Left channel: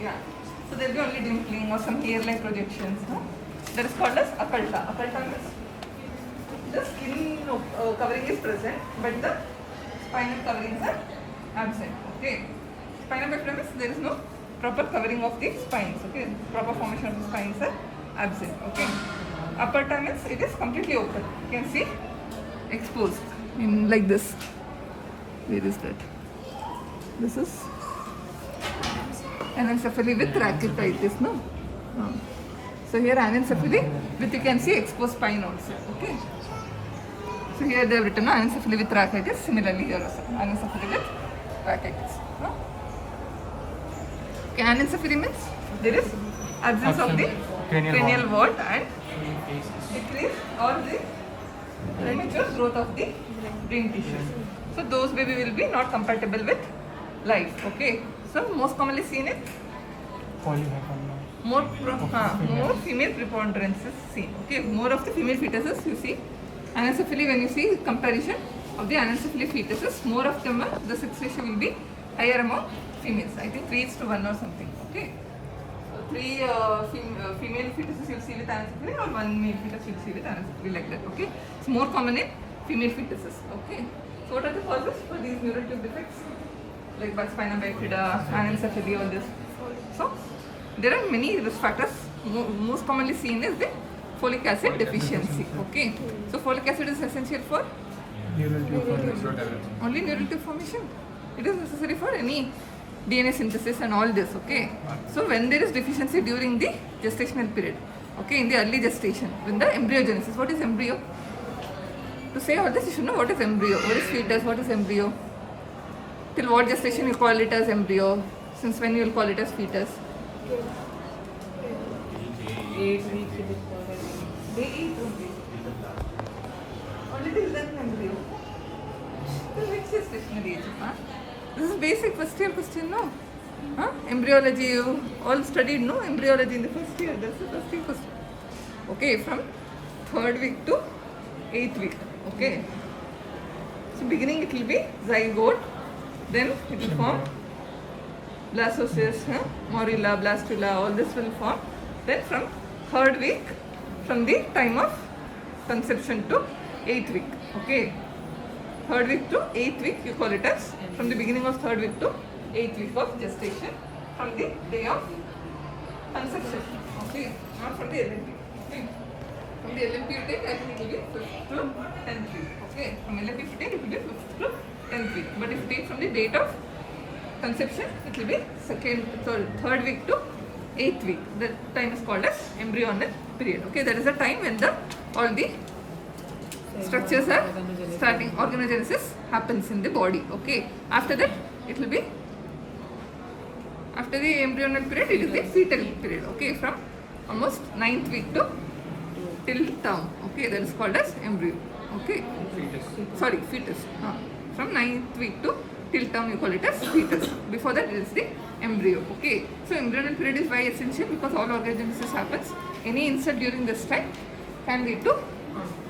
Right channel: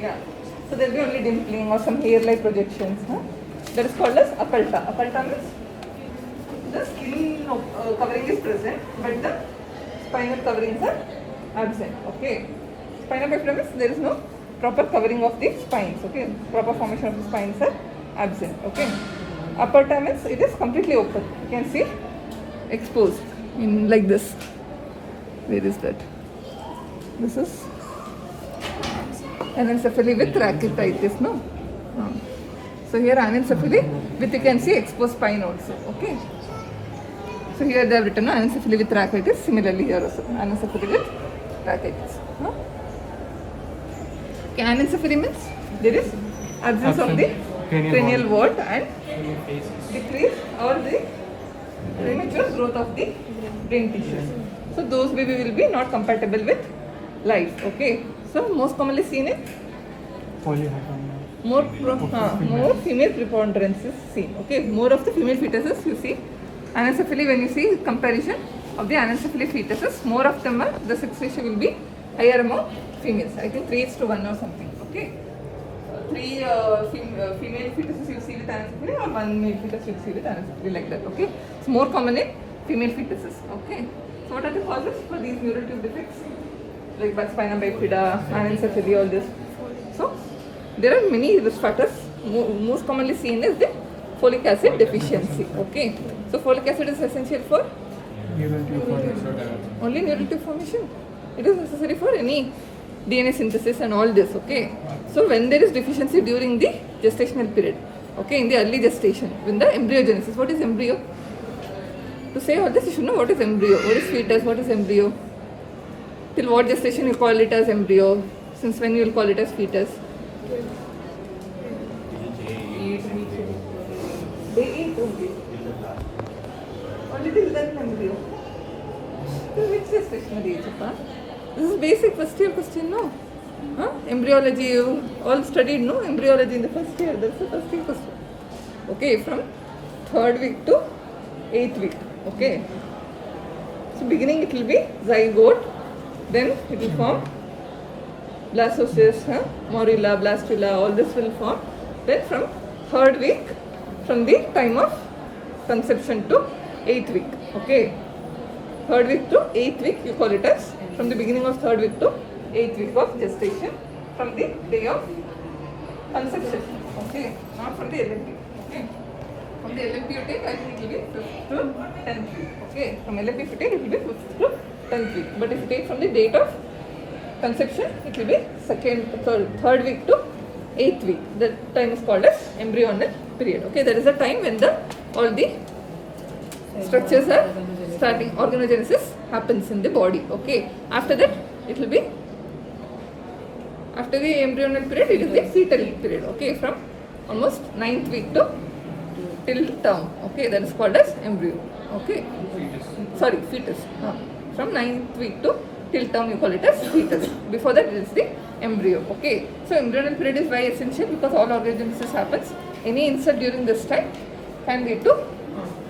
Yeah. So there will be only dimpling or some hair-like projections. That is called as occulta. Occulta means the skin covering is present, but the spinal coverings are absent. Okay. Spinal bifida means there is no proper covering of the spines. Okay. Proper formation of the spines are absent. Okay. Aperta means it is completely open. You can see exposed in like this. Where is that? This is anencephaly with rachitis, no? So here anencephaly with, you can see, exposed spine also. Okay. So here they have written anencephaly with rachitis. Similarly here also anencephaly with rachitis. No? Okay, anencephaly means there is absence of the cranial wand and decrease or the premature growth of the brain tissue. So those baby will be not compatible with life. Okay. So most commonly seen in more female preponderance is seen. Okay. More of the female fetuses you see. Anencephaly, when you see comparison of the anencephaly fetuses, more of them are, the sex ratio will be higher among females. I think 3:1 or something. Okay. 3 female fetuses you see with anencephaly or 1 male fetus you see with anencephaly, like that. Okay. It's more common in female fetuses. Okay. So what are the causes for these neural tube defects? Like spina bifida, anencephaly, all this. So there are many risk factors. Most commonly seen is the folic acid deficiency. Okay. So folic acid is essential for neural tube formation. only neural tube formation. It is necessary for any DNA synthesis and all this. Okay. So when there is deficiency during the gestational period, okay, in the early gestation, when the embryogenesis, what is embryo? To say all this, you should know what is embryo, what is fetus, what is embryo. Till what gestation you call it as embryo? Since when you will call it as fetus? 8 weeks. Day 8 only. Only till then embryo. So which gestational age? This is basic first year question, no? Embryology, you all studied, no? Embryology in the first year. That's the first year question. Okay, from 3rd week to 8th week. Okay. So beginning it will be zygote. Then it will form blastocyst, morula, blastula, all this will form. Then from 3rd week, from the time of conception to 8th week. Okay. 3rd week to 8th week, you call it as, from the beginning of 3rd week to 8th week of gestation, from the day of conception. Okay. Not from the LMP. Okay. From the LMP you take, I think it will be 5th to 10th week. Okay. From LMP you take, it will be 5th to 10th week. But if you take from the date of conception, it will be 3rd week to 8th week. The time is called as embryonal period. Okay, that is the time when all the structures are starting, organogenesis happens in the body. Okay, after that it will be, after the embryonal period, it is the fetal period. Okay, from almost 9th week to till term. Okay, that is called as embryo. Okay, sorry, fetus. From 9th week to till term you call it as fetus. Before that it is the embryo. Okay, so embryonal period is why essential, because all organogenesis happens. Any insult during this time can lead to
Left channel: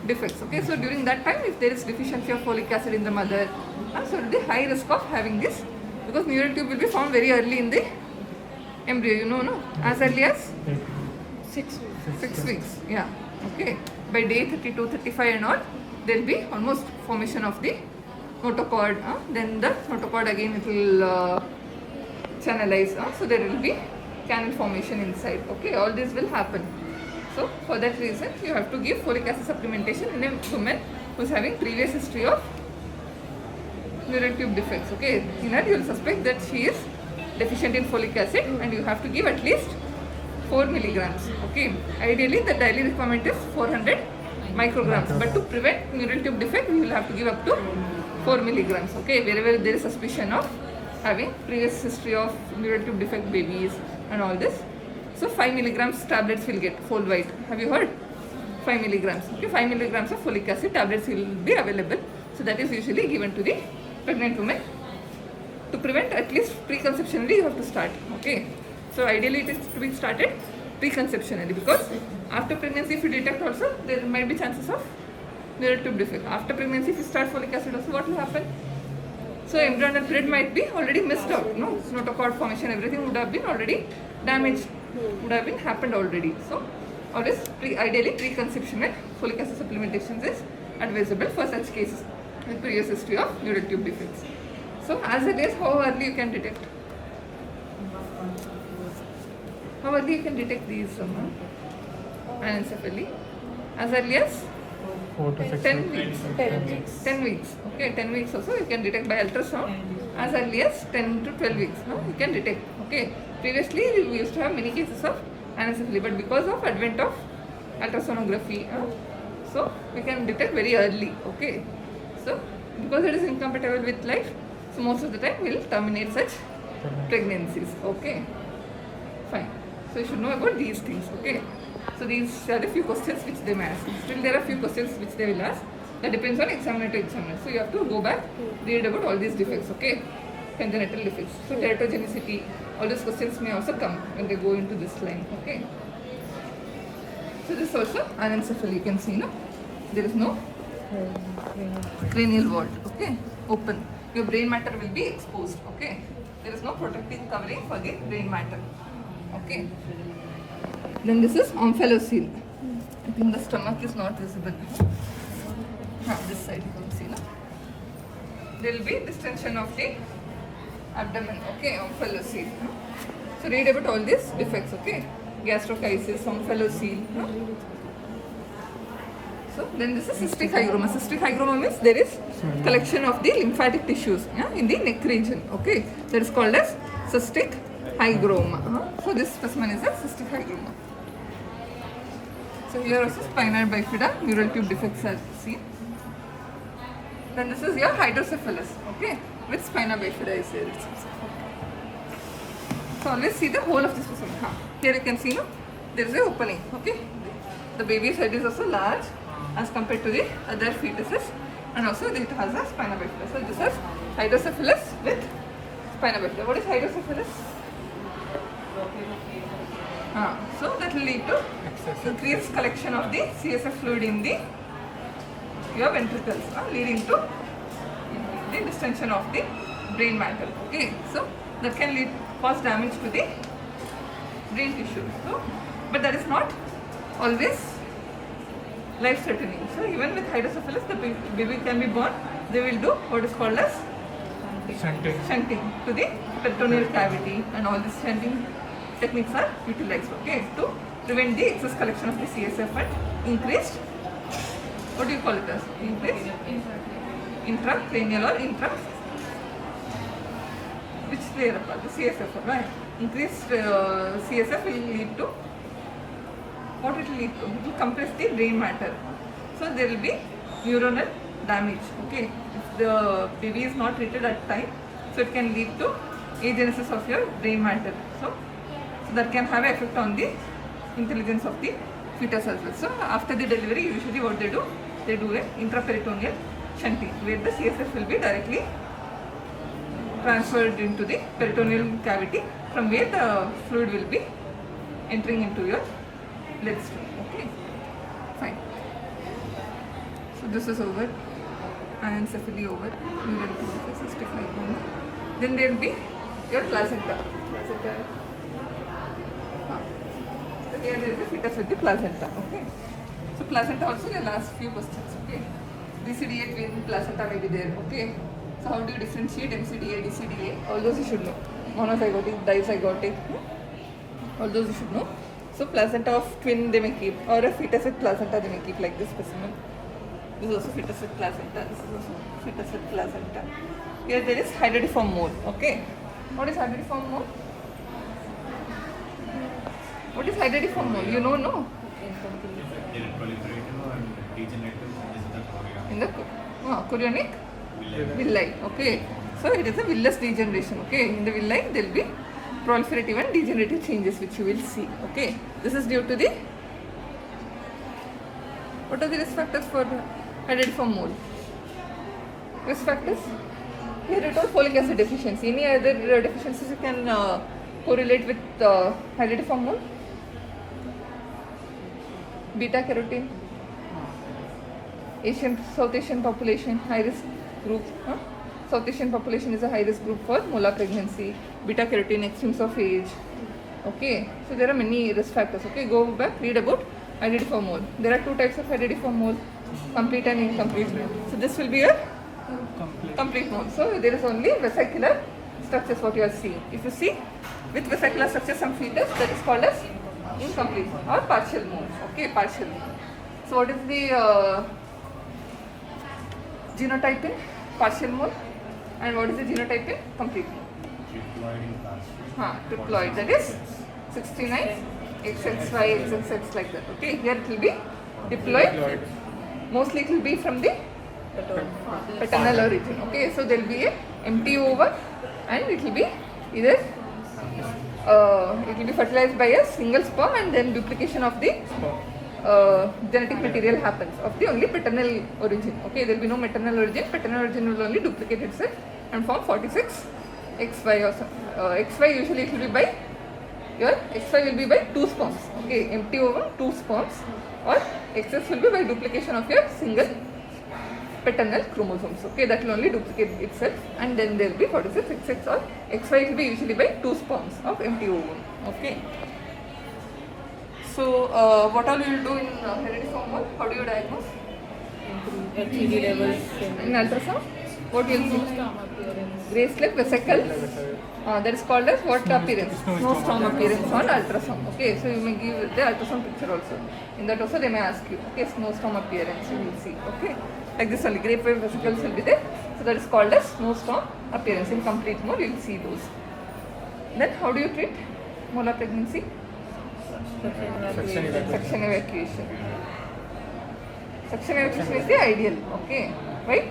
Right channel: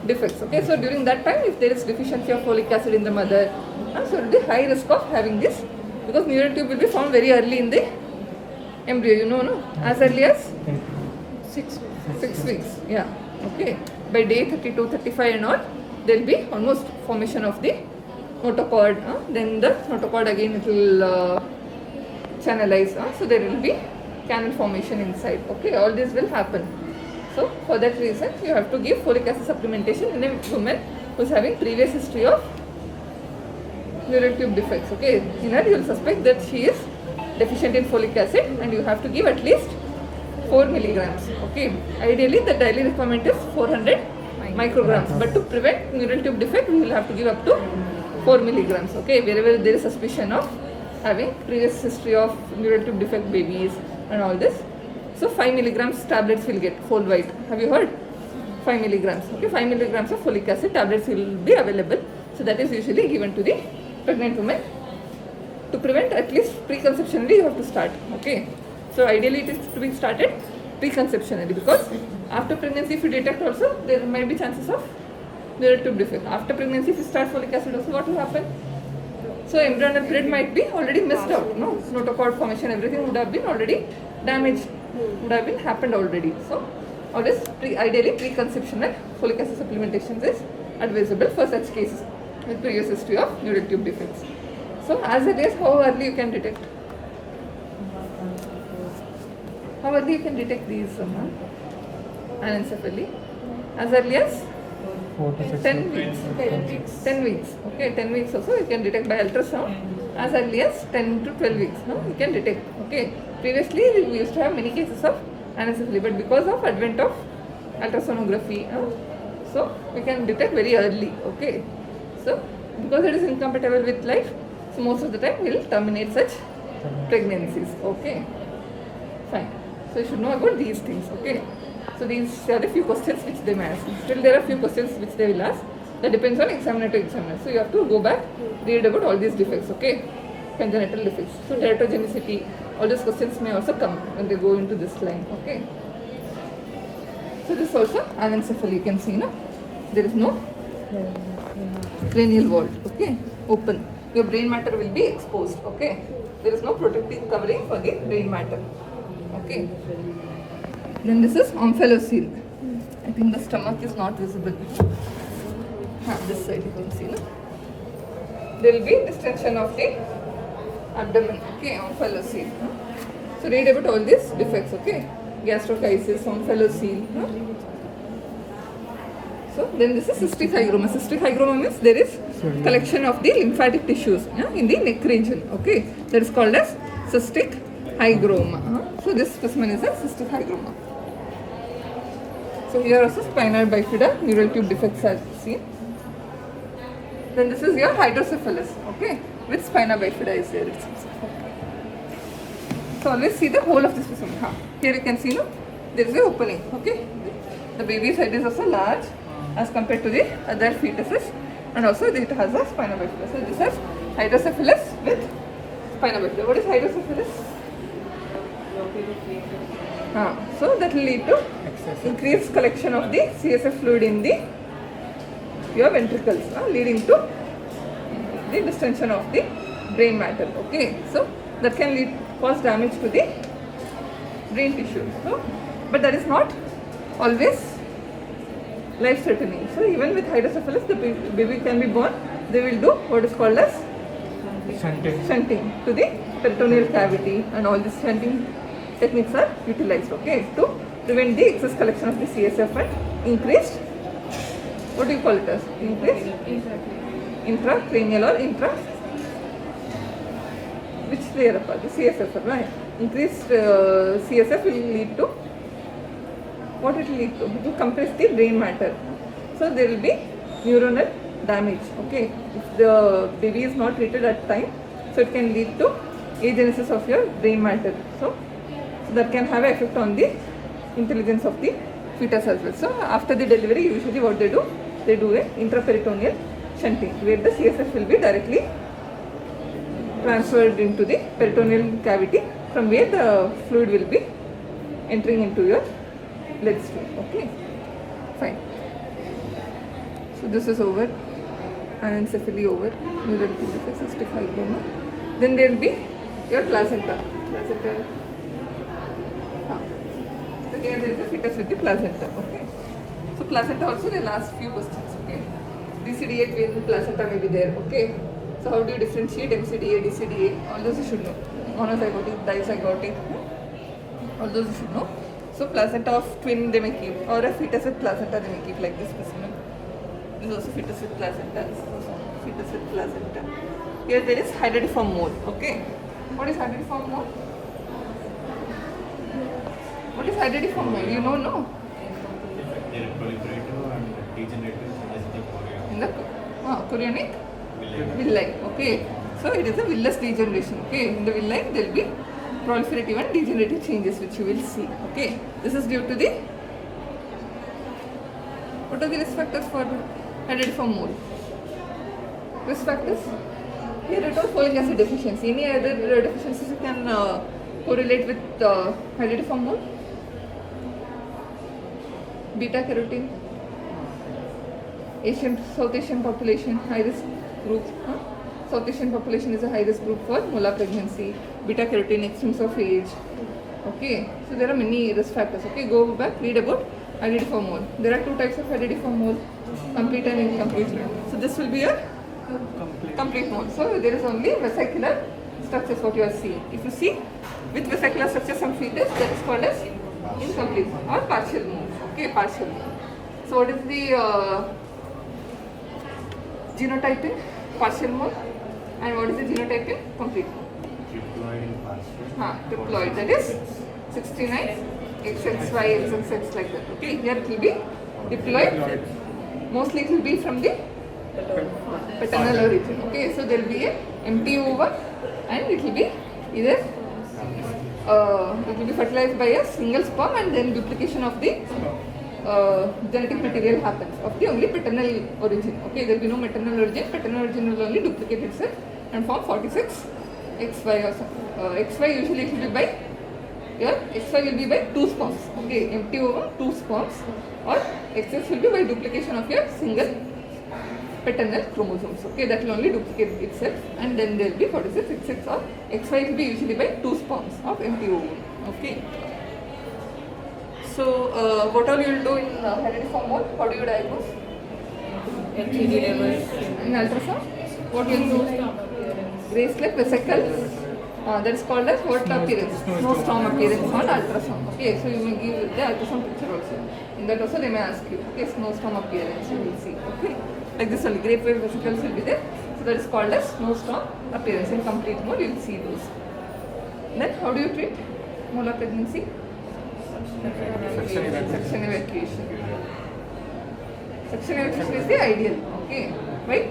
defects. Okay, so during that time, if there is deficiency of folic acid in the mother, so there will be high risk of having this, because neural tube will be found very early in the embryo. You know, no, as early as 6 weeks. Yeah. Okay. By day 32, 35 and all, there will be almost formation of the notochord. Then the notochord again it will channelize. So there will be canal formation inside. Okay, all this will happen. So for that reason, you have to give folic acid supplementation in a woman who is having previous history of neural tube defects. Okay, in that you will suspect that she is deficient in folic acid, and you have to give at least 4 milligrams. Okay, ideally the daily requirement is 400 micrograms, but to prevent neural tube defect, we will have to give up to 4 milligrams. Okay, wherever there is suspicion of having previous history of neural tube defect babies and all this. So 5 milligrams tablets will get full white. Have you heard? 5 milligrams. Okay, 5 milligrams of folic acid tablets will be available. So that is usually given to the pregnant woman. To prevent, at least preconceptionally you have to start. Okay. So ideally it is to be started preconceptionally, because after pregnancy if you detect also, there might be chances of neural tube defect. After pregnancy if you start folic acid also, what will happen? So embryonal period might be already missed out. No, notochord formation, everything would have been already damaged, would have been happened already. So always ideally preconception with folic acid supplementations is advisable for such cases with previous history of neural tube defects. So as it is, how early you can detect? How early you can detect these anencephaly? As early as 4 to 6 10 weeks. weeks. 10 weeks. Okay, 10 weeks also you can detect by ultrasound. As early as 10 to 12 weeks, you can detect. Okay. Previously we used to have many cases of anencephaly, but because of advent of ultrasonography, so we can detect very early. Okay. So because it is incompatible with life, so most of the time we will terminate such pregnancies. Okay. Fine. So you should know about these things. Okay. So these are a few questions which they may ask. Still there are a few questions which they will ask. That depends on examiner to examiner. So you have to go back, read about all these defects. Okay. Congenital defects. So teratogenicity, all these questions may also come when they go into this line. Okay. So this also anencephaly. You can see, no? There is no cranial vault. Okay. Open. Your brain matter will be exposed. Okay. There is no protective covering for the brain matter. Okay. Then this is omphalocele. I think the stomach is not visible. This side you can see, no? There will be distension of the abdomen. Okay, omphalocele. So read about all these defects. Okay, gastrochisis, omphalocele. So then this is cystic hygroma. Cystic hygroma means there is collection of the lymphatic tissues in the neck region. Okay, that is called as cystic hygroma. So this specimen is a cystic hygroma. So here also spinal bifida, neural tube defects are seen. Then this is your hydrocephalus. Okay, with spina bifida is there. So always see the whole of the specimen. Here you can see, no, there is a opening. Okay, the baby's head is also large as compared to the other fetuses, and also it has a spina bifida. So this is hydrocephalus with spina bifida. What is hydrocephalus? So that will lead to increased collection of the CSF fluid in the your ventricles, leading to the distension of the brain matter. Okay, so that can cause damage to the brain tissue. So, but that is not always life-threatening. So even with hydrocephalus, the baby can be born. They will do what is called as shunting to the peritoneal cavity, and all these shunting techniques are utilized. Okay, to prevent the excess collection of the CSF and increased, what do you call it as? Increased intracranial or which layer apart? The CSF, right? Increased CSF will lead to, what it will lead to? It will compress the brain matter. So there will be neuronal damage. Okay, if the baby is not treated at time, so it can lead to agenesis of your brain matter. So that can have an effect on the intelligence of the fetus as well. So after the delivery, usually what they do a intraperitoneal shunting, where the CSF will be directly transferred into the peritoneal cavity, from where the fluid will be entering into your bloodstream. Okay, fine. So this is over, anencephaly over, neural tube defects, cystic hygroma. Then there will be your placenta. So here there is a fetus with the placenta. Okay. So placenta also the last few questions. Okay. DCDA twin placenta may be there. Okay. So how do you differentiate MCDA, DCDA? All those you should know. Monozygotic, dizygotic, all those you should know. So placenta of twin they may keep, or a fetus with placenta they may keep, like this specimen. This is also fetus with placenta. This is also fetus with placenta. Here there is hydridiform mole. Okay. What is hydridiform mole? What is hydridiform mole? You know, no? They are proliferative and degenerative in the chorionic villi. Okay. So it is a villous degeneration. Okay. In the villi there will be proliferative and degenerative changes which you will see. Okay. This is due to the, what are the risk factors for hydridiform mole? Risk factors? Here it was folic acid deficiency. Any other deficiencies you can correlate with hydridiform mole? Beta carotene, South Asian population, high risk group. South Asian population is a high risk group for molar pregnancy, beta carotene, extremes of age. Okay, so there are many risk factors. Okay, go back, read about identiform mole. There are two types of identiform mole, complete and incomplete. So this will be a complete mole. So there is only vesicular structures what you are seeing. If you see with vesicular structure some fetus, that is called as incomplete or partial mole. Okay, partial. So what is the genotype in partial mole and what is the genotype in complete mole? Diploid in partial. Diploid, that is 69, XXY, XXX like that. Okay, here it will be diploid. Mostly it will be from the paternal origin. Okay, so there will be a empty ovum and it will be either it will be fertilized by a single sperm and then duplication of the genetic material happens of the only paternal origin. Okay, there will be no maternal origin. Paternal origin will only duplicate itself and form 46 XY or something. XY usually it will be by your XY will be by 2 sperms. Okay, empty ovum 2 sperms or XS will be by duplication of your single paternal chromosomes. Okay, that will only duplicate itself and then there will be 46 XX or XY will be usually by 2 sperms of empty ovum. Okay. So what all you will do in hereditary mole? How do you diagnose? HCG levels. In ultrasound? What will you do? Graceless vesicle. That is called as what appearance? No storm appearance on ultrasound. Okay, so you may give the ultrasound picture also. In that also they may ask you. Okay, snowstorm appearance you will see. Okay, like this only grape wave vesicles will be there. So that is called as snowstorm appearance. In complete mode you will see those. Then how do you treat molar pregnancy? Suction evacuation. Suction evacuation is the ideal. Okay, right?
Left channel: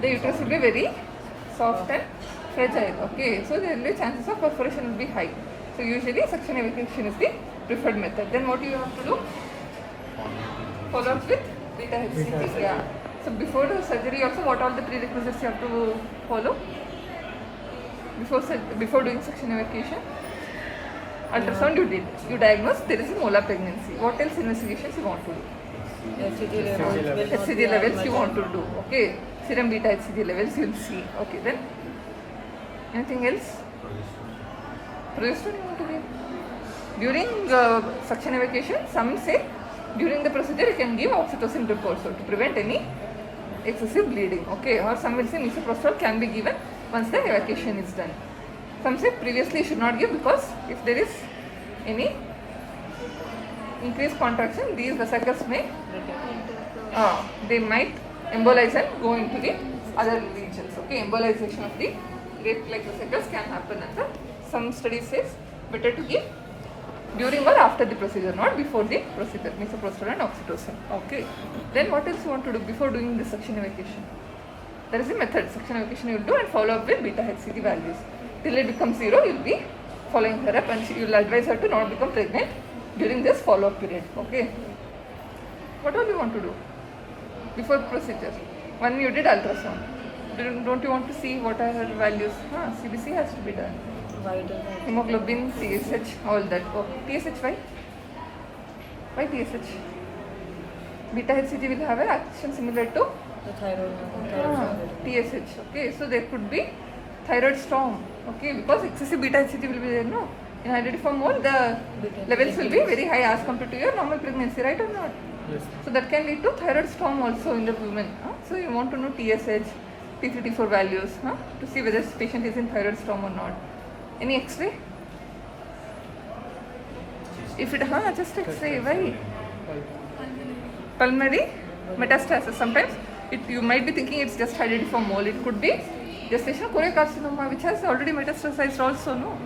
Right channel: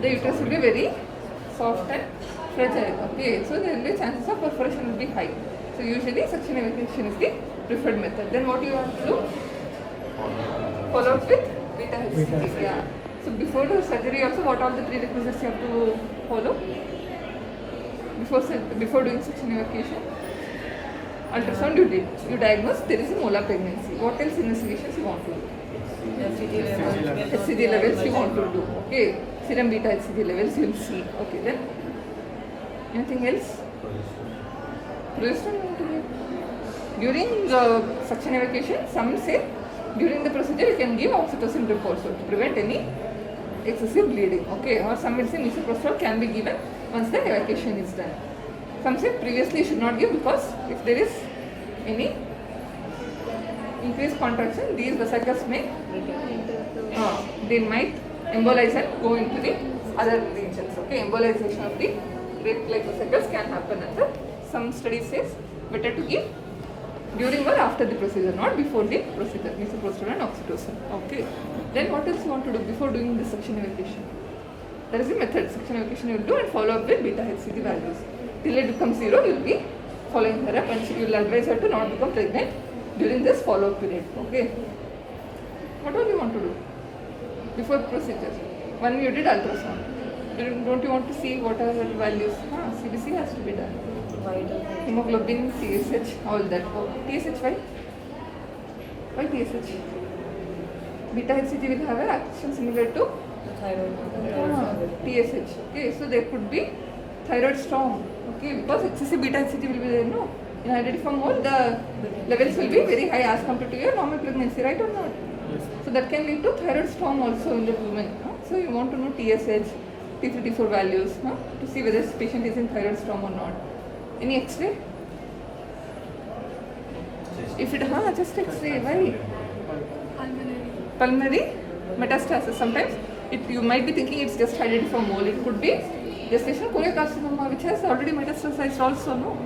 The uterus will be very soft and fragile. Okay, so there will be chances of perforation will be high. So usually suction evacuation is the preferred method. Then what you have to do? Follow up with beta HCG. Yeah. So before the surgery also, what are the prerequisites you have to follow? Before doing suction evacuation? Ultrasound you did. You diagnose there is a molar pregnancy. What else investigations you want to do? HCG levels you want to do. Okay. Serum beta HCG levels you will see. Okay, then anything else? Progesterone you want to give. During suction evacuation, some say during the procedure you can give oxytocin drip also to prevent any excessive bleeding. Okay, or some will say misoprostol can be given once the evacuation is done. Some say previously you should not give because if there is any increased contraction, these vesicles may they might embolize and go into the other regions. Okay, embolization of the great like vesicles can happen under some studies says better to give during or after the procedure, not before the procedure, misoprostol and oxytocin. Okay, then what else you want to do before doing the suction evacuation? There is a method, suction evacuation you will do and follow up with beta HCG values. Till it becomes 0, you will be following her up and you will advise her to not become pregnant during this follow-up period. Okay, what all you want to do before procedure? When you did ultrasound, don't you want to see what are the values? CBC has to be done. Hemoglobin, TSH, all that. Oh, TSH, why? Why TSH? Beta HCG will have an action similar to TSH. Okay, so there could be thyroid storm. Okay, because excessive beta HCG will be there, no? In identiform mole, the levels will be very high as compared to your normal pregnancy, right or not? Yes. So that can lead to thyroid storm also in the women. So you want to know TSH, T54 values to see whether this patient is in thyroid storm or not. Any X-ray? If it just X-ray, why? Pulmonary metastasis. Sometimes you might be thinking it's just identiform mole. It could be gestational choriocarcinoma which has already metastasized also, no?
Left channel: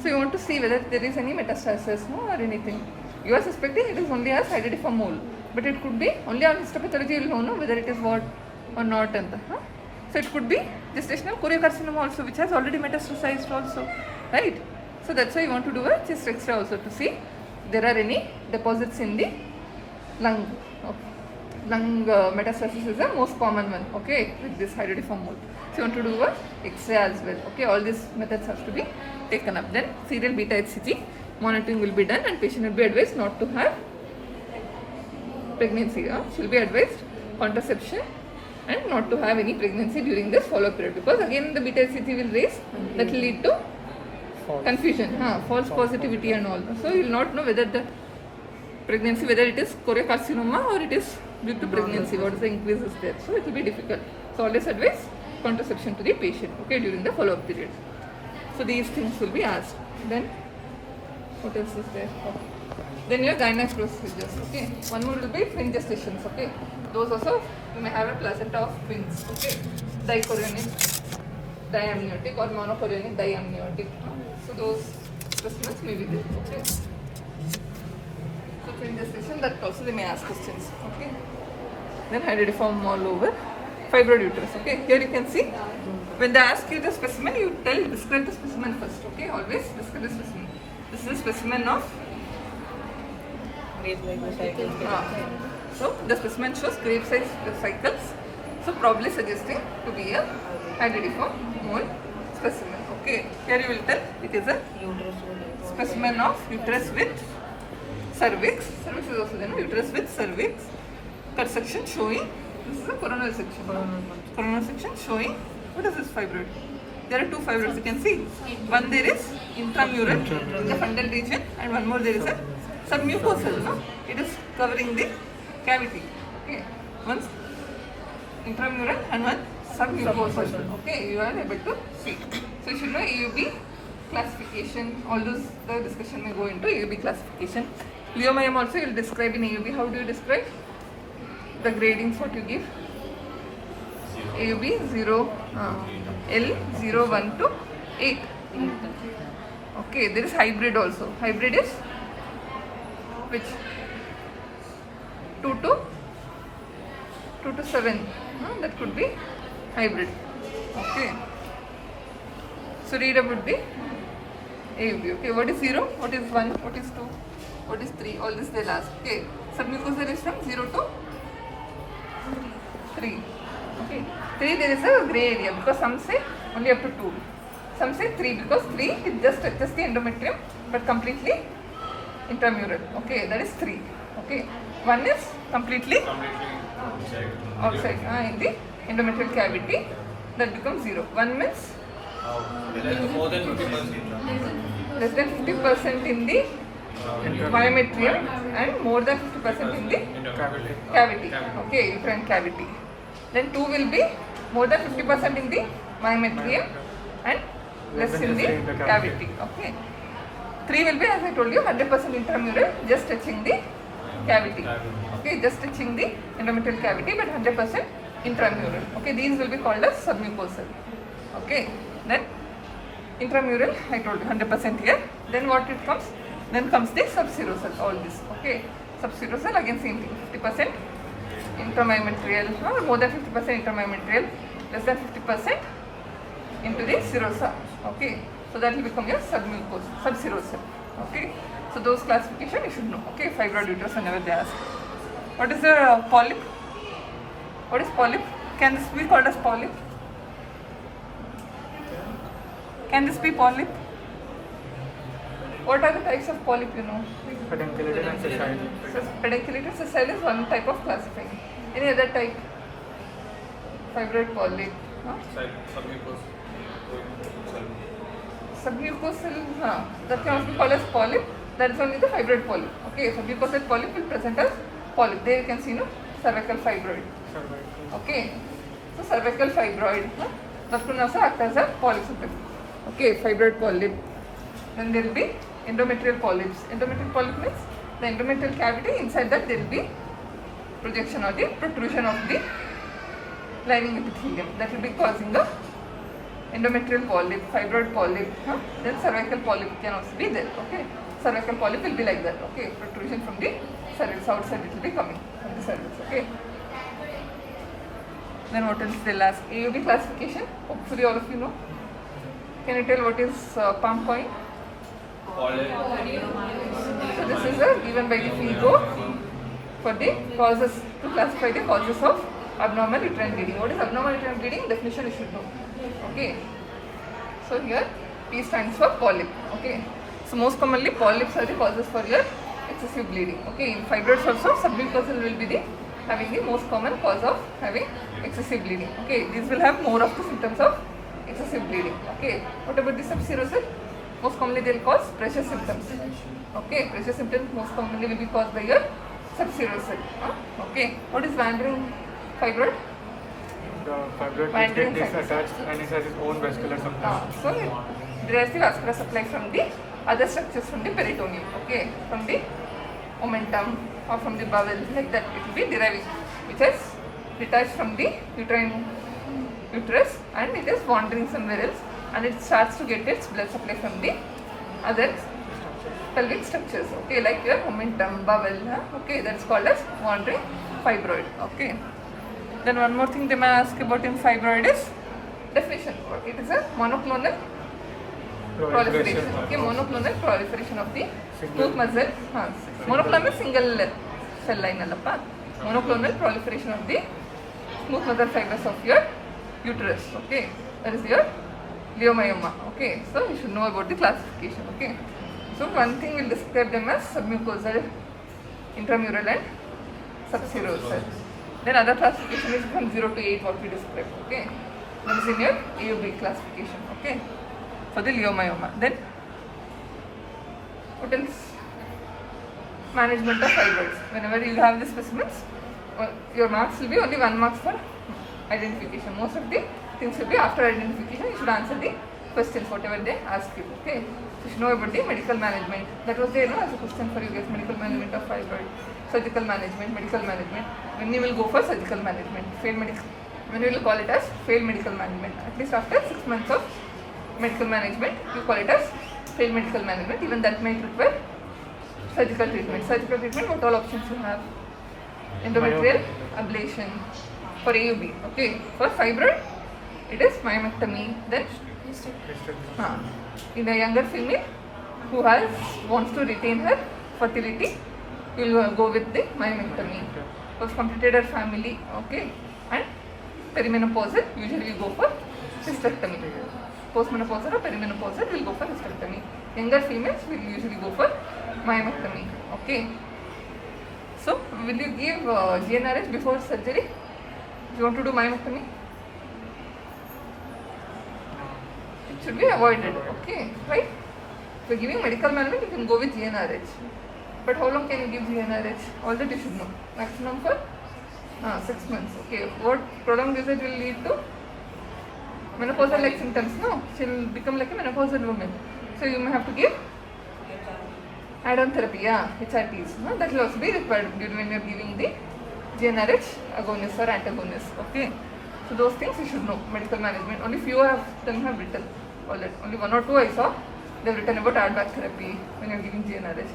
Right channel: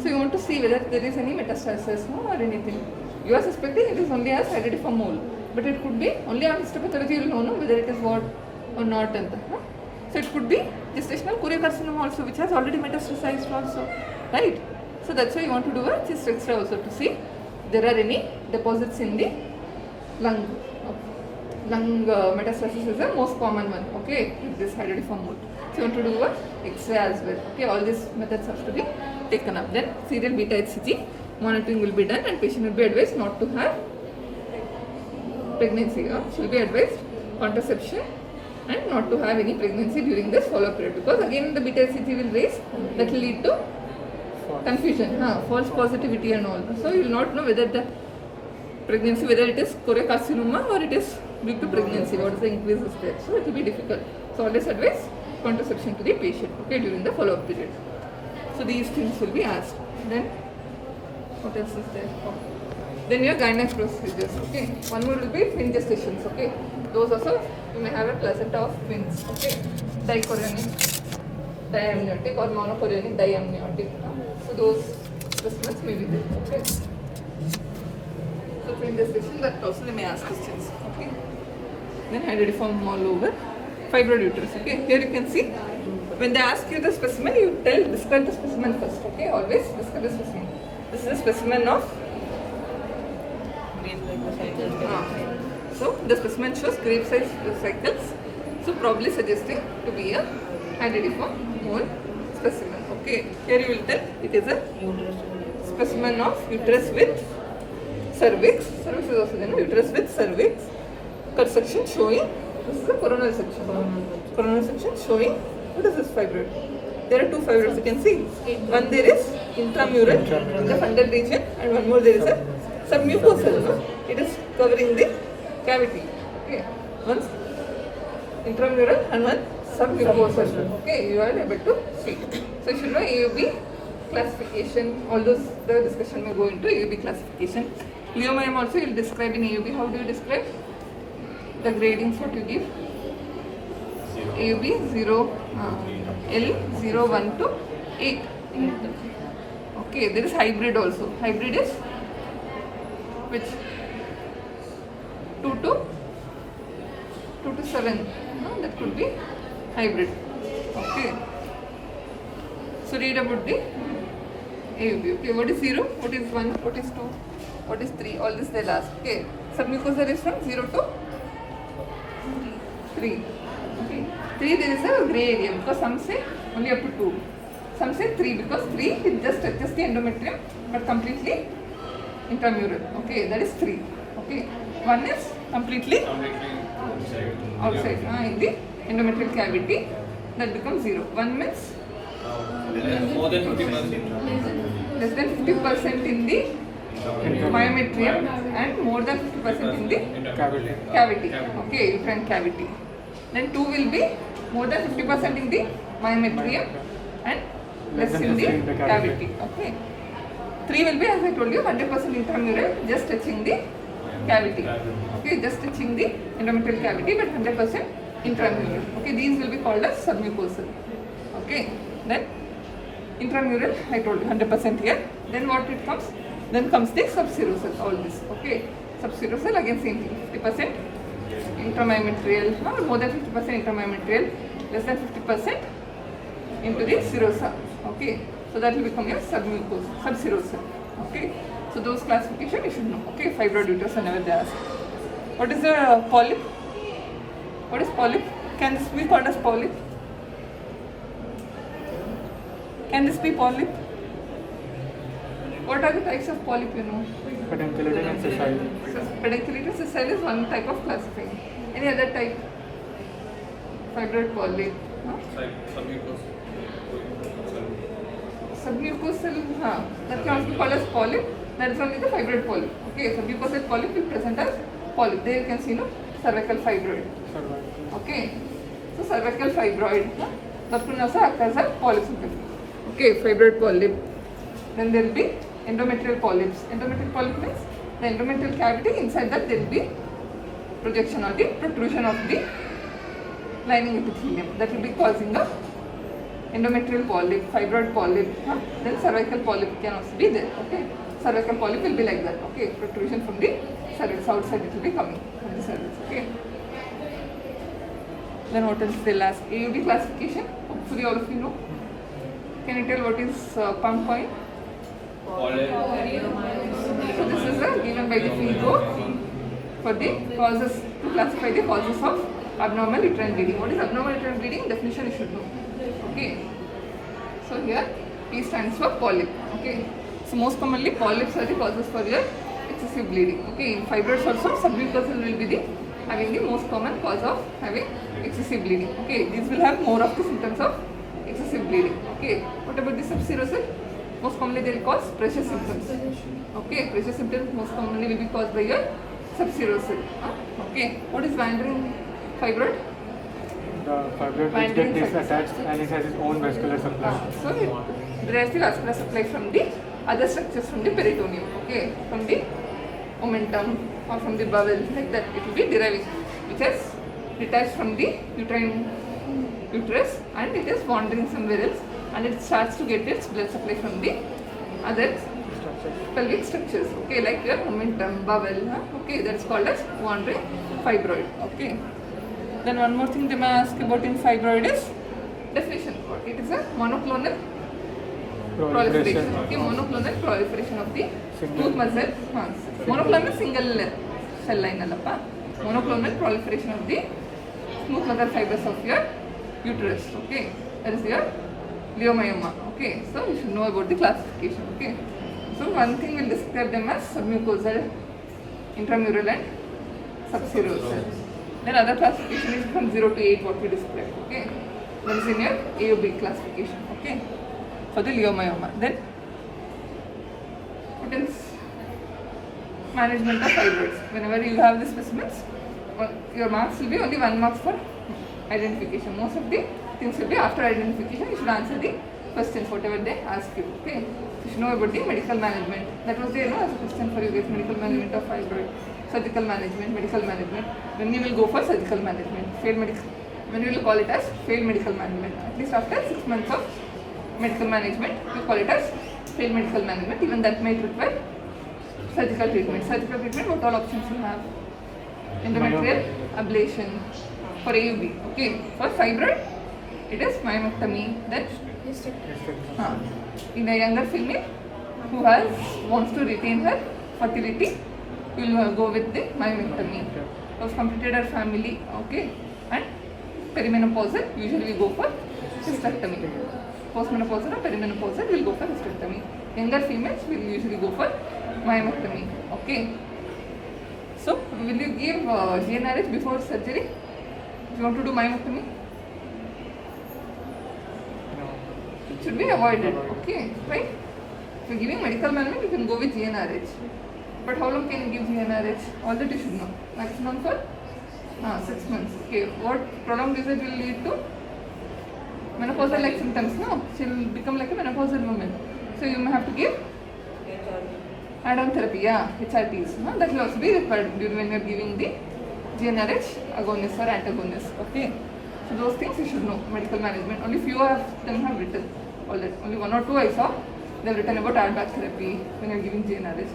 So you want to see whether there is any metastasis, no, or anything. You are suspecting it is only as identiform mole, but it could be only on histopathology you will know whether it is what or not. So it could be gestational choriocarcinoma also which has already metastasized also, right? So that's why you want to do a chest X-ray also to see there are any deposits in the lung. Okay. Lung metastasis is the most common one, okay, with this identiform mole. So you want to do a X-ray as well. Okay, all these methods have to be taken up. Then serial beta HCG monitoring will be done and patient will be advised not to have pregnancy. She will be advised contraception and not to have any pregnancy during this follow-up period, because again the beta HCG will raise, that will lead to confusion, false positivity and all. So you will not know whether the pregnancy, whether it is choriocarcinoma or it is due to pregnancy, what is the increase is there. So it will be difficult. So always advise contraception to the patient, okay, during the follow-up period. So these things will be asked. Then what else is there? Oh. Then your gynec procedures, okay. One more will be twin gestations, okay. Those also you may have a placenta of twins, okay. Dichorionic, diamniotic or monochorionic, diamniotic. So those specimens may be there, okay. So twin gestation, that also they may ask questions, okay. Then hydridiform all over, fibroid uterus, okay. Here you can see, when they ask you the specimen, you describe the specimen first, okay. Always describe the specimen. This is a specimen of so the specimen shows grape size cycles, so probably suggesting to be a hydridiform mole specimen, okay. Here you will tell it is a specimen of uterus with cervix. Cervix is also there, uterus with cervix. Cut section showing, this is the coronal section. Coronal section showing, what is this fibroid? There are two fibroids you can see. One there is intramural in the fundal region, and one more there is a submucosal. No? It is covering the cavity. Okay. One intramural and one submucosal. Okay, you are able to see. So you should know AUB classification. All those the discussion may go into AUB classification. Leiomyome also you will describe in AUB. How do you describe? The gradings what you give? AUB 0, L 0, 1 to 8. Okay, there is hybrid also. Hybrid is which? 2 to 7. That could be hybrid. Okay. So read about the AUB. Okay, what is 0? What is 1? What is 2? What is 3? All this they'll ask. Okay. Submucosal is from 0 to 3. Okay. 3 there is a grey area because some say only up to 2. Some say 3 because 3 is just the endometrium but completely intramural. Okay, that is 3. Okay. 1 is completely outside in the endometrial cavity, that becomes 0. 1 means more than 50%. less than 50% in the myometrium and more than 50% in the cavity. Okay, uterine cavity. Then 2 will be more than 50% in the myometrium and less in the cavity. Okay. 3 will be, as I told you, 100% intramural, just touching the cavity. Okay, just touching the endometrial cavity, but 100% intramural. Okay, these will be called as submucosal. Okay, then intramural, I told you 100% here. Then what it comes? Then comes the subserosal. All this. Okay, subserosal again same thing. 50% intramyometrial, more than 50% intramyometrial, less than 50% into the serosa. Okay, so that will become your submucosal, subserosal. Okay, so those classification you should know. Okay, fibroid uterus whenever they ask. What is the polyp? What is polyp? Can this be called as polyp? Can this be polyp? What are the types of polyp you know? Pedunculated sessile is one type of classifying. Any other type? Fibroid polyp. Submucosal, that can also be called as polyp. That is only the fibroid polyp. Okay, submucosal polyp will present as polyp. There you can see cervical fibroid. Okay, so cervical fibroid. That can also act as a polyp. Okay, fibroid polyp. Then there will be endometrial polyps. Endometrial polyp means the endometrial cavity, inside that there will be projection or the protrusion of the lining epithelium. That will be causing the endometrial polyp, fibroid polyp. Then cervical polyp can also be there. Okay, cervical polyp will be like that. Okay, protrusion from the cervix, outside it will be coming from the cervix. Okay. Then what else they'll ask? AUB classification. Hopefully all of you know. Can you tell what is palm coin? So this is given by the FINCO for the causes, to classify the causes of abnormal uterine bleeding. What is abnormal uterine bleeding? Definition you should know. Okay. So here P stands for polyp. Okay. So most commonly polyps are the causes for your excessive bleeding. Okay. In fibroids also submucosal will be the having the most common cause of having excessive bleeding. Okay, these will have more of the symptoms of excessive bleeding. Okay, what about the subserosal? Most commonly they will cause pressure symptoms. Okay, pressure symptoms most commonly will be caused by your subserosal. Okay, what is wandering fibroid? The fibroid gets disattached and it has its own vascular supply. So it derives the vascular supply from the other structures from the peritoneum. Okay, from the omentum or from the bowel, like that it will be deriving, which has detached from the uterine uterus and it is wandering somewhere else and it starts to get its blood supply from the other pelvic structures. Okay, like your omentum, bowel. Okay, that's called as wandering fibroid. Okay. Then one more thing they may ask about in fibroid is definition. It is a monoclonal proliferation. Okay, monoclonal proliferation of the smooth muscle. Monoclonal single cell line allappa. Monoclonal proliferation of the smooth muscle fibers of your uterus. Okay, that is your leiomyoma. Okay, so you should know about the classification. Okay, so one thing we'll describe them as submucosal, intramural and subserosal. Then other classification is from 0 to 8 what we described. Okay, that is in your AUB classification. Okay, for the leiomyoma. Then what else? Management of fibroids. Whenever you have the specimens, your marks will be only 1 mark for identification. Most of the things will be after identification. You should answer the questions whatever they ask you. Okay, so you should know about the medical management. That was there, as a question for you guys. Medical management of fibroid, surgical management, medical management. When you will go for surgical management, when you will call it as failed medical management. At least after 6 months of medical management, you call it as failed medical management. Even that may require surgical treatment. Surgical treatment, what all options you have? Endometrial ablation for AUB. Okay, for fibroid, it is myomectomy. Then in a younger female who wants to retain her fertility, we will go with the myomectomy. Was completed her family. Okay, and perimenopausal, usually you go for hysterectomy. Postmenopausal or perimenopausal, we will go for hysterectomy. Younger females will usually go for myomectomy. Okay, so will you give GnRH before surgery? If you want to do myomectomy, it should be avoided. Okay, right? So giving medical management, you can go with GnRH. But how long can you give GnRH? All that you should know. Maximum for 6 months. Okay, what prolonged usage will lead to? Menopausal like symptoms. No, she will become like a menopausal woman. So you may have to give add-on therapy, HRTs. No? That will also be required when you are giving the GnRH agonist or antagonist. Okay, so those things you should know. Medical management. Only few of them have written. All that. Only 1 or 2 I saw. They have written about add-back therapy when you are giving GnRH.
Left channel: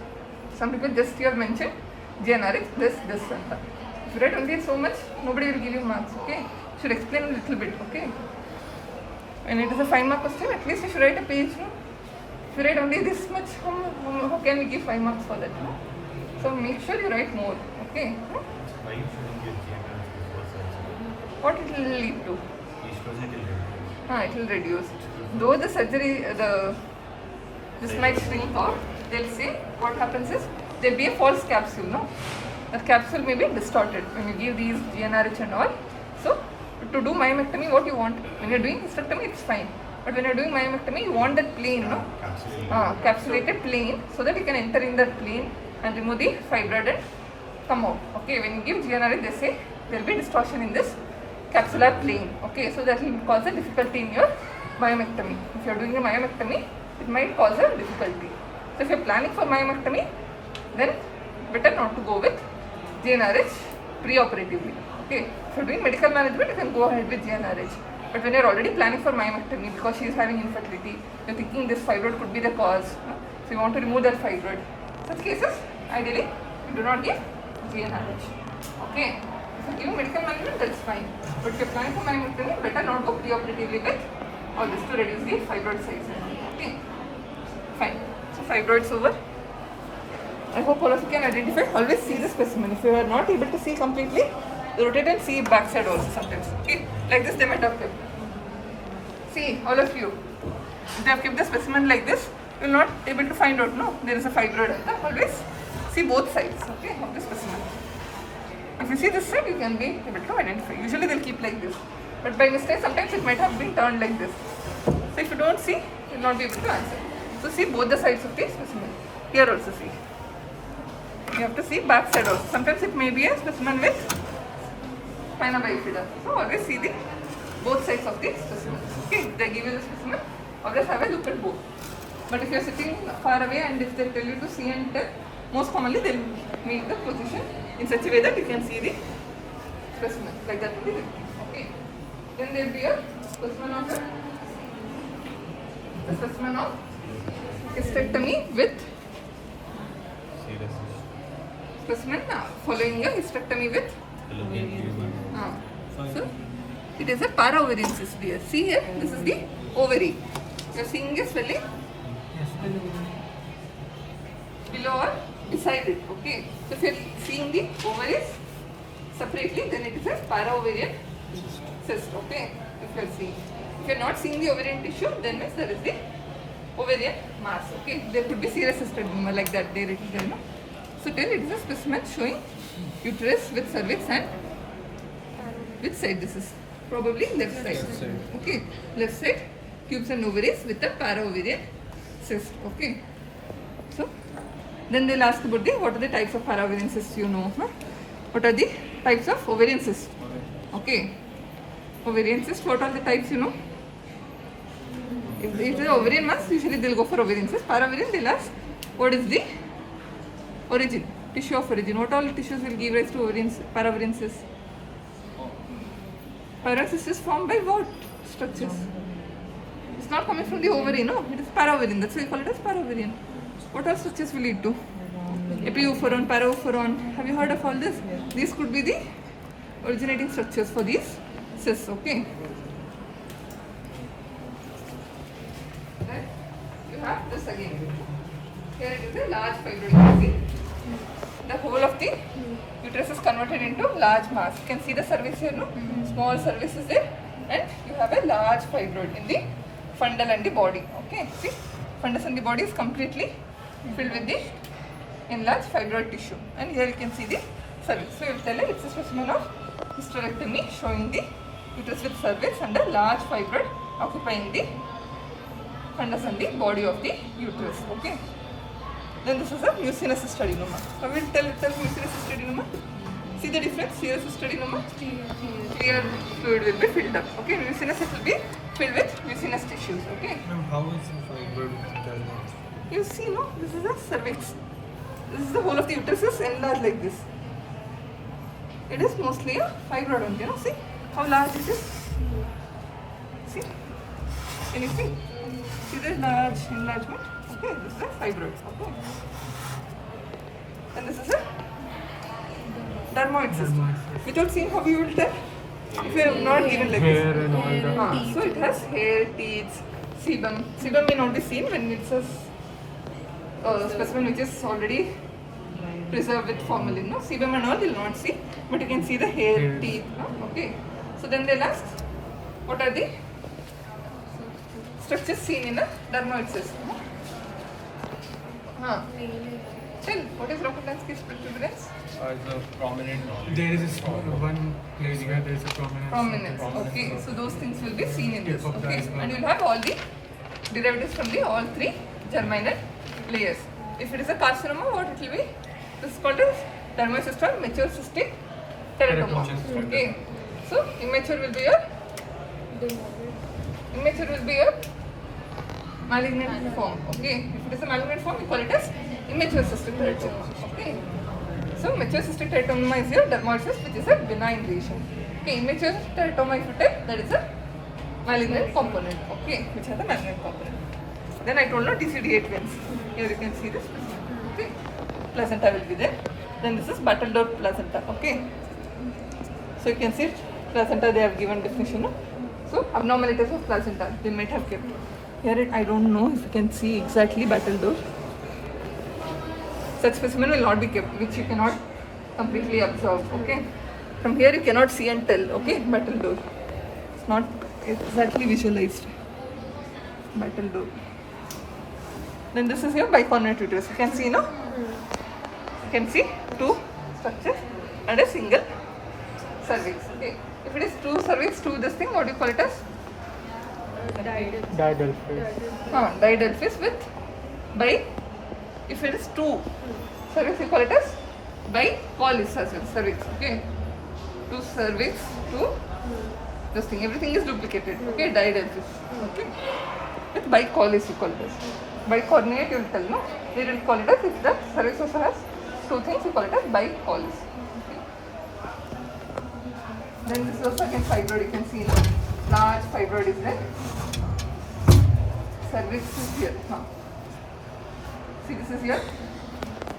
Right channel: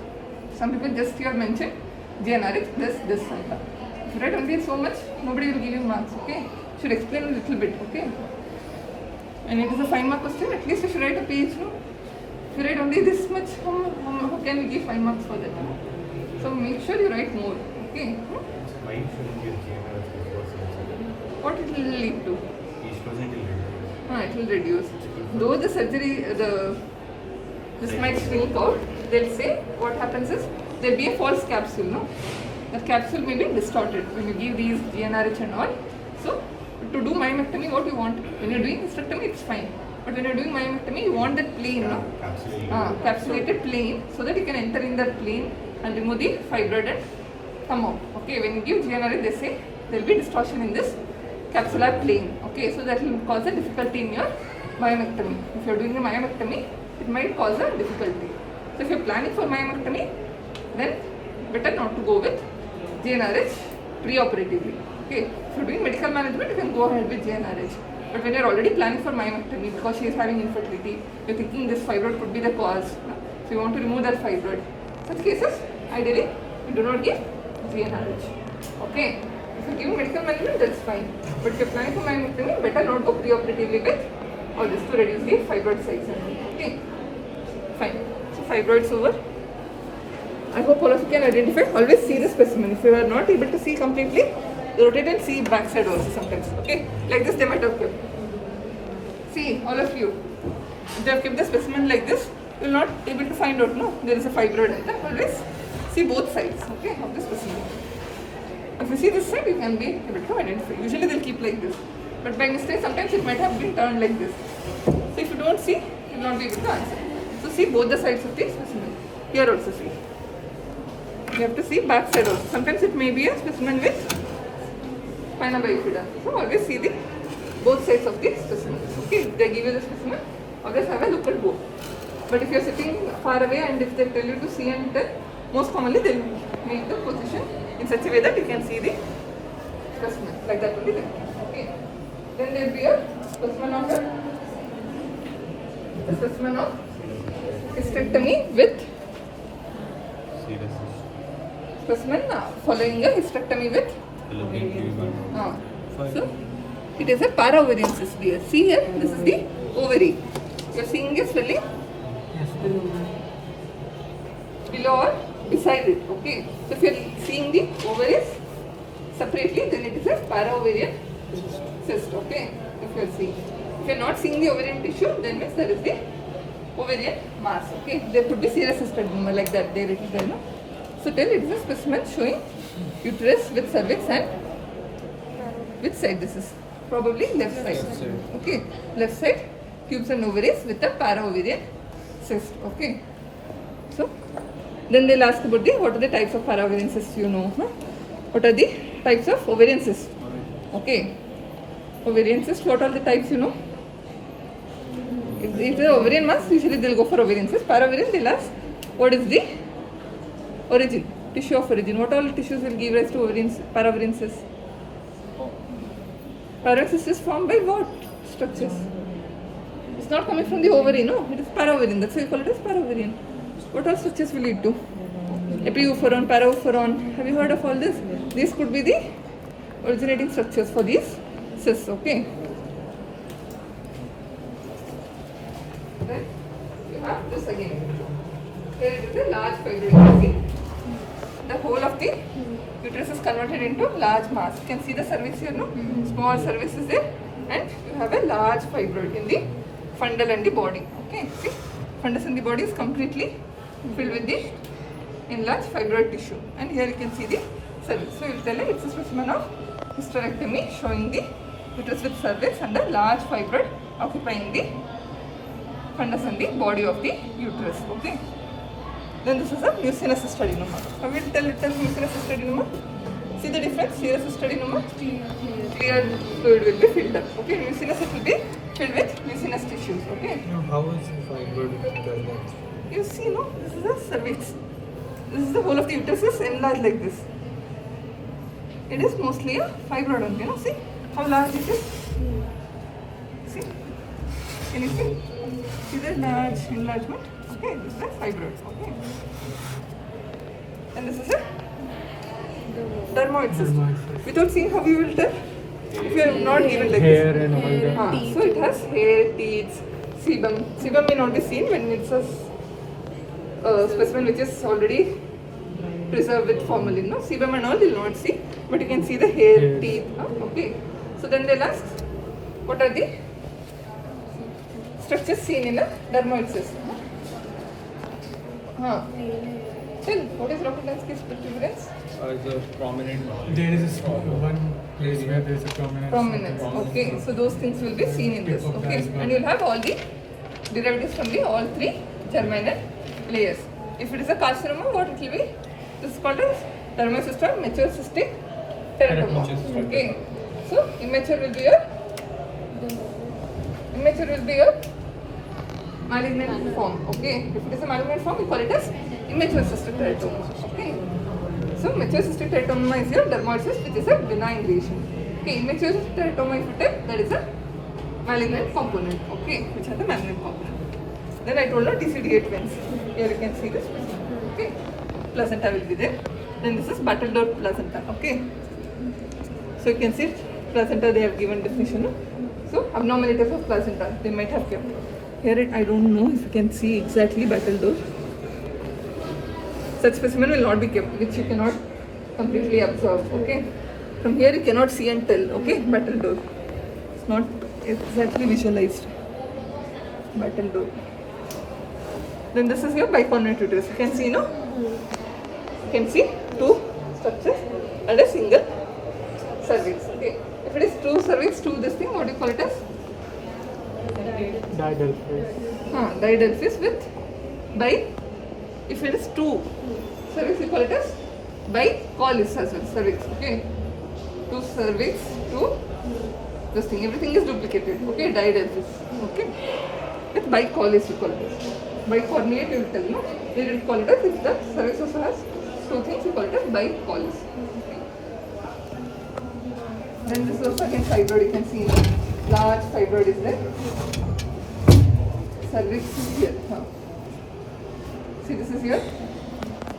Some people just here mention GnRH, this and that. If you write only so much, nobody will give you marks. Okay, should explain a little bit. Okay, when it is a 5 mark question, at least you should write a page. No? If you write only this much, how can we give 5 marks for that? No? So make sure you write more. Okay. Why shouldn't you GnRH before surgery? What it will lead to? It will reduce. Though the surgery, this might shrink out, they'll say what happens is there will be a false capsule. No? The capsule may be distorted when you give these GnRH and all. So to do myomectomy, what you want? When you're doing hysterectomy, it's fine. But when you're doing myomectomy, you want that plane, no? Capsulated plane, so that you can enter in that plane and remove the fibroid and come out. Okay, when you give GnRH, they say there will be distortion in this capsular plane. Okay, so that will cause a difficulty in your myomectomy. If you're doing a myomectomy, it might cause a difficulty. So if you're planning for myomectomy, then better not to go with GnRH pre-operatively. Okay, if you're doing medical management, you can go ahead with GnRH. But when you're already planning for myomectomy because she is having infertility, you're thinking this fibroid could be the cause, so you want to remove that fibroid. Such cases, ideally, you do not give GnRH. Okay, if you're giving medical management, that's fine. But if you're planning for myomectomy, better not go pre-operatively with all this to reduce the fibroid size. Okay, fine. So fibroids over. I hope all of you can identify. Always see the specimen. If you are not able to see completely, rotate and see backside also sometimes. Okay, like this they might have kept. See, all of you, if they have kept the specimen like this, you will not able to find out. No, there is a fibroid. Always see both sides. Okay, of the specimen. If you see this side, you can be able to identify. Usually they'll keep like this, but by mistake sometimes it might have been turned like this. So if you don't see, you'll not be able to answer. So see both the sides of the specimen. Here also see. You have to see back side also. Sometimes it may be a specimen with pinna bifida. So always see the both sides of the specimen. Okay, if they give you the specimen, always have a look at both. But if you are sitting far away and if they tell you to see and tell, most commonly they will make the position in such a way that you can see the specimen. Like that will be there. Okay. Then there will be a specimen of the specimen of hysterectomy with specimen following a hysterectomy with so it is a para-ovarian cyst here. See here, this is the ovary. You are seeing a swelling below or beside it. Okay. So if you are seeing the ovaries separately, then it is a para-ovarian cyst. Okay. If you are seeing, if you are not seeing the ovarian tissue, then means there is the ovarian mass. Okay. There could be serous hysterectomy like that. There it is there, no? So then it is a specimen showing uterus with cervix and which side this is? Probably left side. Okay. Left side, tubes and ovaries with a para-ovarian cyst. Okay. So then they'll ask about what are the types of para-ovarian cysts, you know. Huh? What are the types of ovarian cysts? Okay. Ovarian cyst, what are the types, you know? If it is ovarian mass, usually they'll go for ovarian cyst. Para-ovarian, they'll ask what is the origin, tissue of origin. What all tissues will give rise to para-ovarian cyst? Para-ovarian cyst is formed by what structures? It's not coming from the ovary, no. It is para-ovarian. That's why we call it as para-ovarian. What all structures will lead to? Epiophoron, paraophoron. Have you heard of all this? These could be the originating structures for these cysts. Okay. Then you have this again. Here it is a large fibroid. See? The whole of the uterus is converted into large mass. You can see the cervix here, no? Small cervix is there, and you have a large fibroid in the fundal and the body. Okay, see? Fundus and the body is completely filled with the enlarged fibroid tissue, and here you can see the cervix. So you will tell it's a specimen of hysterectomy showing the uterus with cervix and a large fibroid occupying the fundus and the body of the uterus. Okay. Then this is a mucinous cystadinoma. I will tell itself mucinous cystadinoma. See the difference? Serous cystadinoma, clear fluid will be filled up. Okay, mucinous it will be filled with mucinous tissues. Okay. Now, how is the fibroid? You see, no? This is a cervix. This is the whole of the uterus is enlarged like this. It is mostly a fibroid only. You know, see how large it is. See? Can you see? See the large enlargement? Okay, this is a fibroid. Okay. And this is a dermoid cyst. Without seeing how you will tell? If you have not given like hair this. and all that. So it has hair, teeth, sebum. Sebum may not be seen when it's a specimen which is already preserved with formalin. No? Sebum and all you will not see, but you can see the hair, teeth. No? Okay. So then they'll ask, what are the structures seen in a dermoid cyst? Chill. What is Rokitansky's evidence? The prominent. There is one place where there is a prominence. Okay. So those things will be seen in this. Okay. And you'll have all the derivatives from the all three germinal layers. If it is a carcinoma, what it will be? This is called as dermoid or mature cystic teratoma. Okay. So immature will be your malignant form. Okay. If it is a malignant form, we call it as immature cystic teratoma. Okay. So mature cystic teratoma is your dermoid cyst, which is a benign lesion. Okay. Immature teratoma, if you take, that is a malignant component. Okay. Which has a malignant component. Then I told you TCD8 veins. Here you can see this. Okay. Placenta will be there. Then this is battledore placenta. Okay. So you can see placenta, they have given definition. No? So abnormalities of placenta, they might have kept. Here I don't know if you can see exactly battledore. Such specimen will not be kept, which you cannot completely absorb. Okay. From here you cannot see and tell. Okay. Battledore. It's not exactly visualized. Battledore. Then this is your bicornuate uterus. You can see, no? You can see two structures and a single cervix. Okay. If it is two cervix, two this thing, what do you call it as? Diadelphys. Diadelphys with bi. If it is two cervix, you call it as bicollis as well. Cervix. Okay. Two cervix, two this thing. Everything is duplicated. Okay. Diadelphys. Okay. With bicollis, you call this. Bicornuate, you will tell, no? We will call it as, if the cervix also has two things, you call it as bicollis. Okay. Then this is also again fibroid. You can see in the large fibroid is there. Cervix is here. See, this is your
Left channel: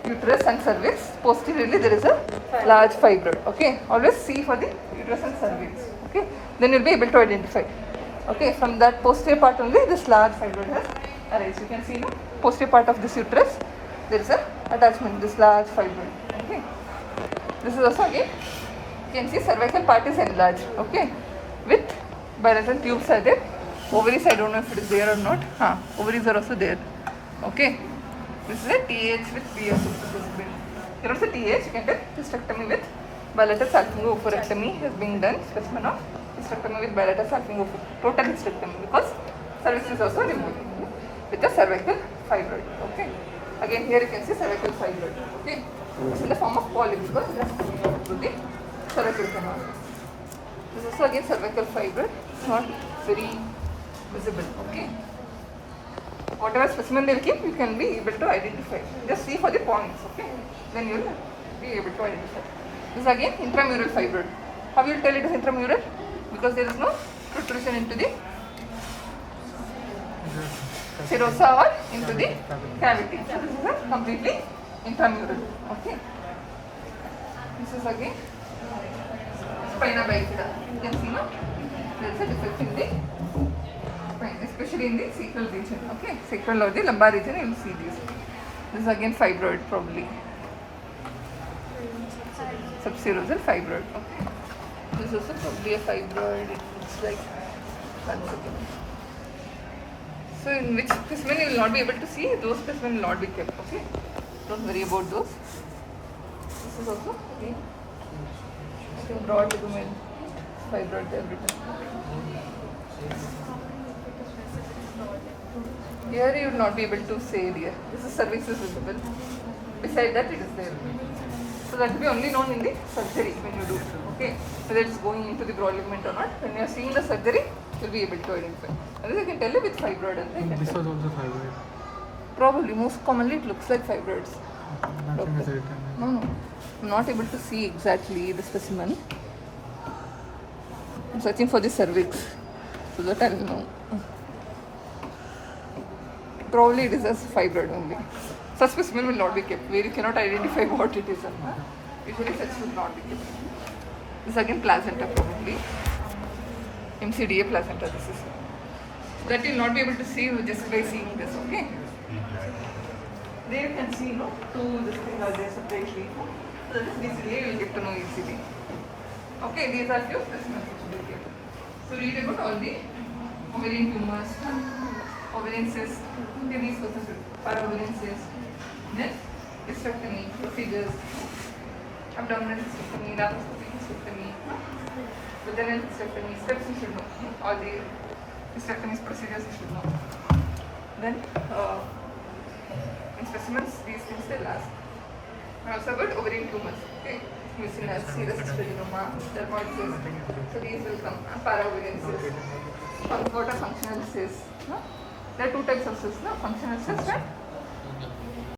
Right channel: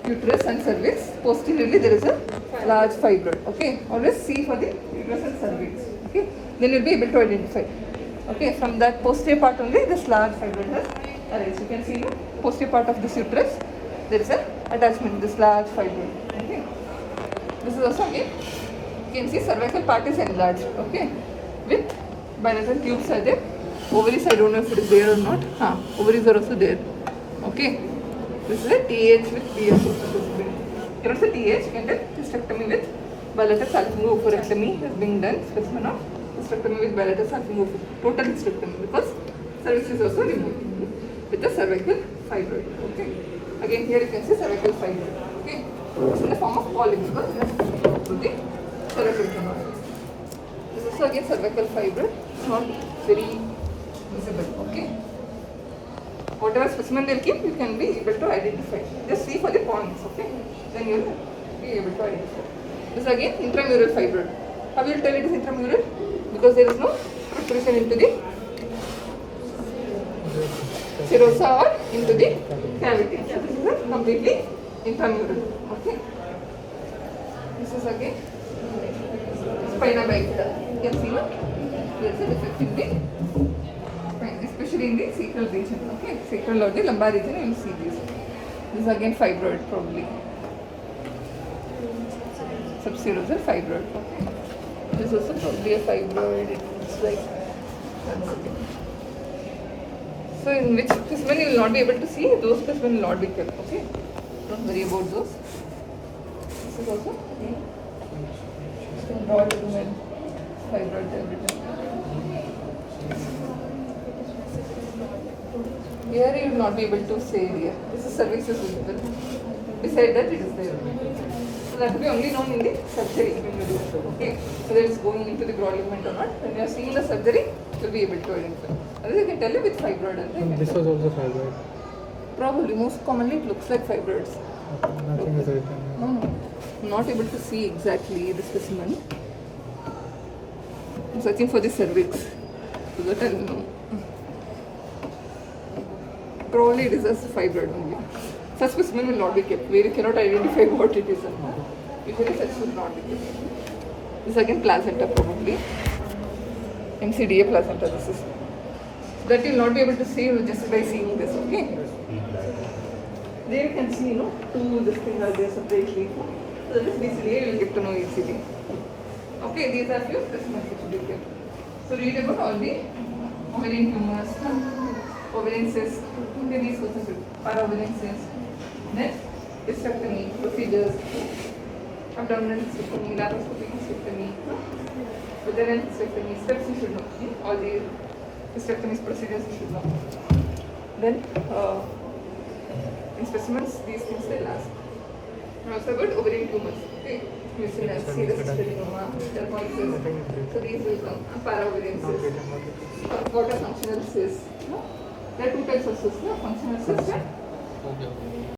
uterus and cervix. Posteriorly there is a large fibroid. Okay. Always see for the uterus and cervix. Okay. Then you'll be able to identify. Okay. From that posterior part only this large fibroid has arisen. You can see the posterior part of this uterus. There is a attachment. This large fibroid. Okay. This is also again. You can see cervical part is enlarged. Okay. With bilateral tubes are there. Ovaries, I don't know if it is there or not. Ovaries are also there. Okay. This is a TH with TH. Here also TH and a hysterectomy with bilateral salpingo-oophorectomy is being done. Specimen of hysterectomy with bilateral salpingo-oophorectomy. Total hysterectomy because cervix is also removed with the cervical fibroid. Okay. Again here you can see cervical fibroid. Okay. It's in the form of polyp because it has coming out through the cervical canal. This is also again cervical fibroid. It's not very visible. Okay. Whatever specimen they will keep, you can be able to identify. Just see for the points. Okay. Then you will be able to identify. This is again intramural fibroid. How will you tell it is intramural? Because there is no protrusion into the serosa or into the cavity. So this is a completely intramural. Okay. This is again spina bifida. You can see now there is a defect in the spine, especially in the sacral region. Okay, sacral or the lumbar region, you will see this. This is again fibroid probably. Subserosal fibroid. Okay. This is also probably a fibroid. It looks like that's okay. So in which specimen you will not be able to see, those specimen will not be kept. Okay. Don't worry about those. This is also the broad lumen fibroid they have written. Here you will not be able to say it here. This is cervix is visible. Beside that it is there. So that will be only known in the surgery when you do. Okay. Whether it is going into the broad ligament or not. When you are seeing the surgery, you will be able to identify. Otherwise I can tell you with fibroid. And This was also fibroid. probably most commonly it looks like fibroids. Nothing is written. No. I'm not able to see exactly the specimen. I'm searching for the cervix so that I'll know. Probably it is as fibroid only. Such specimen will not be kept where you cannot identify what it is. Usually such will not be kept. This is again placenta probably. MCDA placenta this is. So that you will not be able to see just by seeing this, okay? There you can see, no, two this thing are there separately. So that is BCDA, you will get to know easily. Okay, these are few specimens which will be kept. So read about all the ovarian tumors, ovarian cysts, okay, these processes, para-ovarian cysts, next hysterectomy, procedures, abdominal hysterectomy, laparoscopic hysterectomy, vaginal hysterectomy, steps you should know, all the hysterectomy procedures you should know. Then in specimens, these things they'll ask. And also about ovarian tumors, okay, mucinous, serous hysterectomy, dermoid cysts, so these will come, para-ovarian cysts. What are functional cysts? No? There are two types of cysts, no? Functional cysts and